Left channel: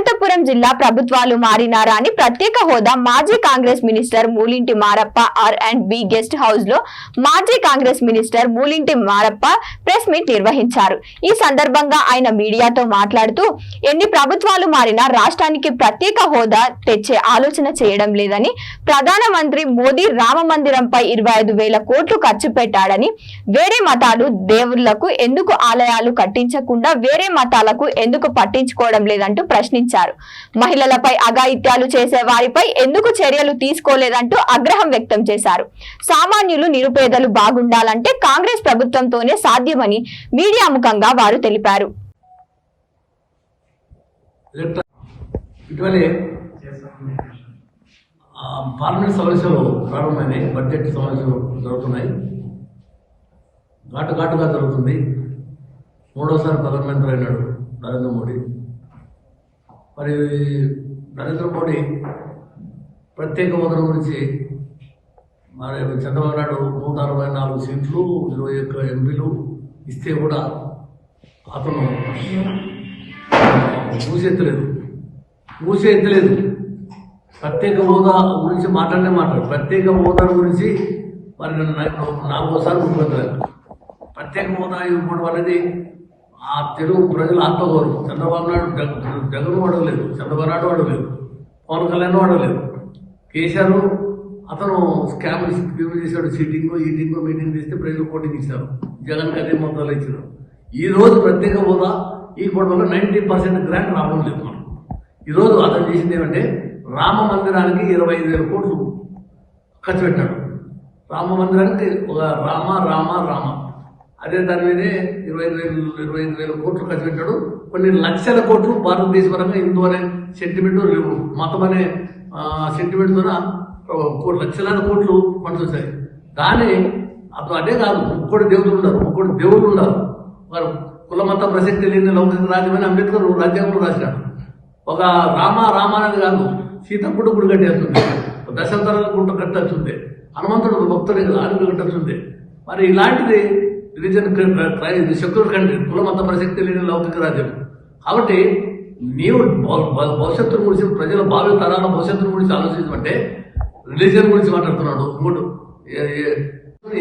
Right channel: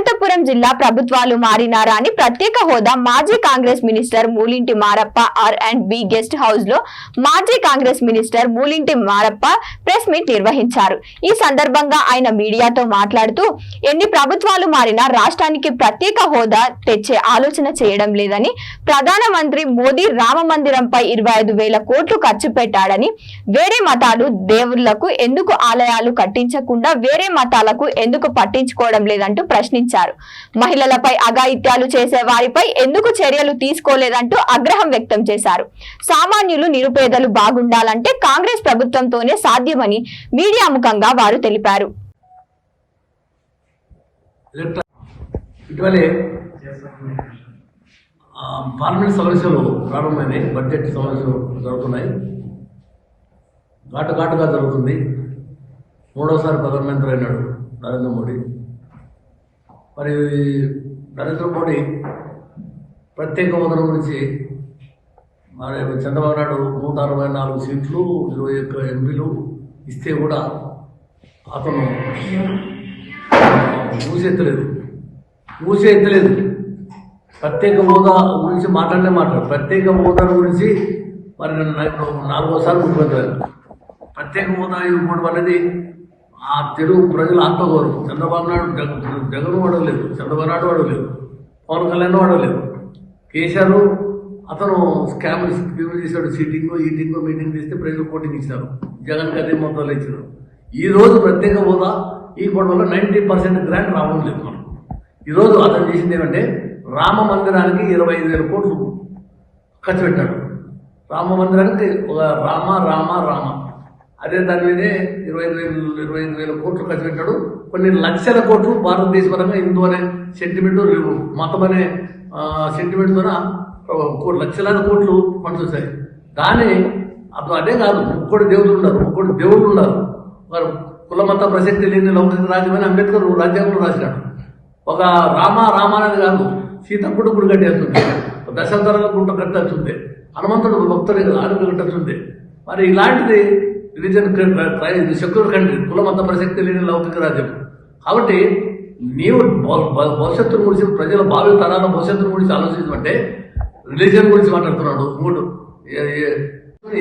అనంతపురం జిల్లా ప్రభుత్వాలు మారినారా అని ప్రత్యేక హోదా మాజీ Congress minister Moolinti Marappa R&B guest house లో మాజీ Congress minister Moolinti Marappa press meet నిర్వహించారు। ఈ సందర్భంగా ఆయన మీడియాతో మాట్లాడుతూ ఎన్ని ప్రభుత్వాలు మారినా రాష్ట్రానికి ప్రత్యేక హోదా తెచ్చే ఆలోచన చేయడం లేదని, ప్రధానమంత్రి మోదీ రామ మందిరంపై 25,000 కోట్లు ఖర్చు పెట్టాడని, వేరే మతాలు దేవుళ్లకు ఎందుకు ఆలయాలు కట్టించకుండా వేరే మతాలకు ఎందుకు పట్టించుకోవడం లేదంటూ ప్రశ్నించారు। మహిళలపై అఘాయిత్యాలు చేసే వారిపై ఎందుకు చర్యలు తీసుకోలేదంటూ ఆగ్రహం వ్యక్తం చేశారు। సామాన్యులు నిరుపేదలు బాగుండాలంటే కాంగ్రెస్ ప్రభుత్వంతోనే సాధ్యమని మీడియా ముఖంగా వారు తెలిపారు। పార్లమెంట్ సమావేశాలు ప్రారంభమైనాయి, బడ్జెట్ సమావేశాలు జరుగుతున్నాయి, ఘాటుగా జరుగుతుంది। మూడోసారి ప్రధానమంత్రి అయినాడు నరేంద్ర మోడీ। మరి నరేంద్ర మోడీ ప్రత్యేక హోదా గురించి మరి చంద్రబాబు నాయుడు 164 సీట్లు 21 ఎంపీలు ఇస్తే కూడా అతను మూసేత్తలేదు। ప్రత్యేక హోదా గురించి మాట్లాడు ప్రత్యేక హోదా గురించి మరి 4వ ముఖ్యమంత్రి ప్రత్యేక హోదా ఇవ్వడం అనేది ఆ తెలుగు ప్రజల ఆత్మగౌరవం। చంద్రబాబు నాయుడు జగన్ వాడలేదు, చంద్రబాబు నాయుడు వాడలేదు, పవన్ కళ్యాణ్ వాడలేదు, కేసీఆర్ అతను స్కామ్ చేశాడు, ఈటింగ్ మీటింగ్ చేస్తే ప్రజలు కోటింగ్ ఇచ్చారు, జగన్ అదే మొత్తాలు ఇచ్చారు। ఈ రోజు ప్రత్యేక హోదా ఇవ్వడం వల్ల 90% గ్రాంట్ రావడం లేదు। మనం ఈరోజు అతను చేసింది ఏమంటే రామ మందిరానికి 25,000 కోట్లు ఖర్చు పెట్టాడు। రామ మందిరానికి ఒక రామ అదే దాని మీదే 25,000 కోట్లు ఖర్చు పెట్టాడు। కొన్ని లక్షల కోట్లు భారతదేశపరంగా హిందూ అనే సెంటిమెంట్ లేవు, మతం అనే సెంటిమెంట్ ద్వారా లక్షలాది కోట్లు ఫండ్స్ వచ్చాయి। కానీ అదే కాదు, ముగ్గురు దేవుళ్ళు ఉన్నారు, వారు కుల మత ప్రసక్తి లేని లౌకిక రాజ్యం అని అంబేద్కర్ రాజ్యాంగంలో రాసినాడు। ఒక రామ అనేది కాదు, సీతప్పుడు గుడి కట్టేస్తుంది, దశావతారాల గుంట కట్టాల్సిందే, హనుమంతుడు భక్తుడి ఆరోగ్య కట్టాల్సిందే। మరి ఇలాంటిది రిలీజన్ సెక్యులర్ కంట్రీ, కుల మత ప్రసక్తి లేని లౌకిక రాజ్యం కాబట్టి నీవు భవిష్యత్తును గురించి, ప్రజల భావి తరాల భవిష్యత్తును గురించి ఆలోచించమంటే రిలీజియన్ గురించి మాట్లాడుతున్నాడు। ఇంకోటి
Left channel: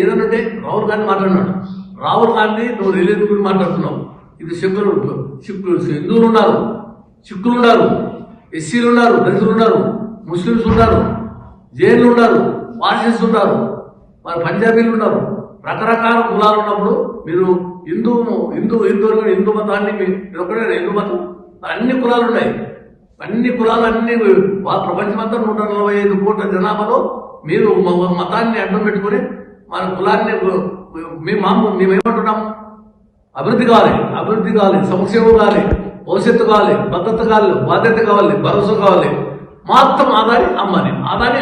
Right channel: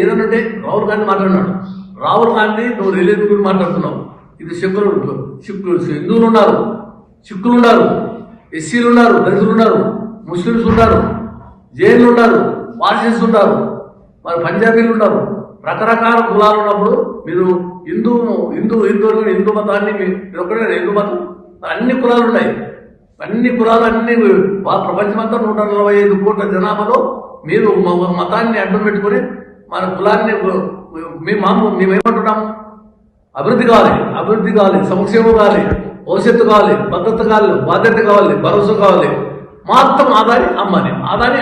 ఏదనంటే రాహుల్ గాంధీ మాట్లాడినాడు, రాహుల్ గాంధీ నువ్వు రిలీజియన్ గురించి మాట్లాడుతున్నావు। ఇది హిందువులు ఉన్నారు, సిక్కులు ఉన్నారు, ఎస్సీలు ఉన్నారు, దళితులు ఉన్నారు, ముస్లింస్ ఉన్నారు, జైన్లు ఉన్నారు, పార్సీస్ ఉన్నారు, మరి పంజాబీలు ఉన్నారు, రకరకాల కులాలు ఉన్నప్పుడు మీరు హిందూ మతాన్ని మీరు ఒక్కడే హిందూ మతం, అన్ని కులాలు ఉన్నాయి, అన్ని కులాలు అన్ని ప్రపంచమంతా 145 కోట్ల జనాభాలో మీరు మతాన్ని అడ్డం పెట్టుకుని మన కులాన్ని మేమేమంటున్నాము? అభివృద్ధి కావాలి, సంక్షేమం కావాలి, భవిష్యత్తు కావాలి, భద్రత కావాలి, బాధ్యత కావాలి, భరోసా కావాలి, మొత్తం ఆదాని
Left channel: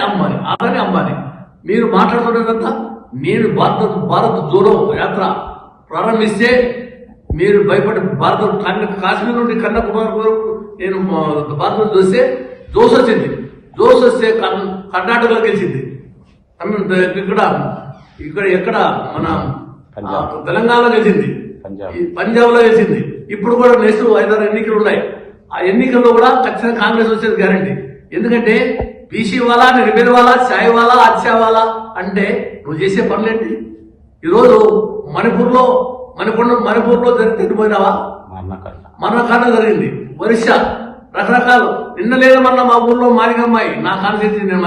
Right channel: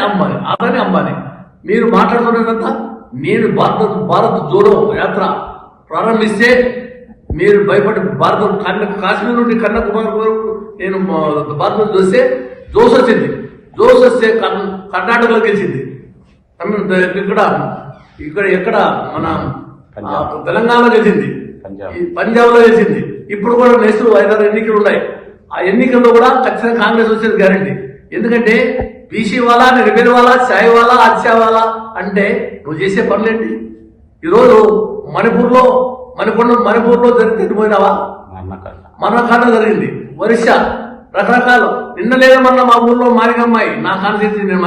అమ్మాని మీరు మాట్లాడుకునేదంతా నేను భారత్ జోడో యాత్ర ప్రారంభిస్తే మీరు భయపడి కాశ్మీర్ నుండి కన్యాకుమారి వరకు నేను భారత్ చూస్తే జోస్ వస్తే కర్ణాటకలో గెలిచింది, ఎక్కడ మన తెలంగాణలో గెలిచింది, పంజాబ్లో గెలిచింది। ఇప్పుడు కూడా నెక్స్ట్ 5-6 ఎన్నికలు ఉన్నాయి, ఆ ఎన్నికల్లో కూడా ఖచ్చితంగా కాంగ్రెస్ వచ్చేది గ్యారంటీ। ఎందుకంటే బీసీ వాళ్ళ, రిపేర్ వాళ్ళ, చాయ్ వాళ్ళ, అత్యా వాళ్ళ అంటే నువ్వు చేసే పనులేంటి? ఈరోజు మణిపూర్లో జరిగితే పోయినావా? మరణకాండ జరిగింది, ఒరిస్సా, రకరకాలు నిన్న లేదు మొన్న మా ఊర్లో మారిగమ్మాయి నా కాన్స్టిట్యూన్సీ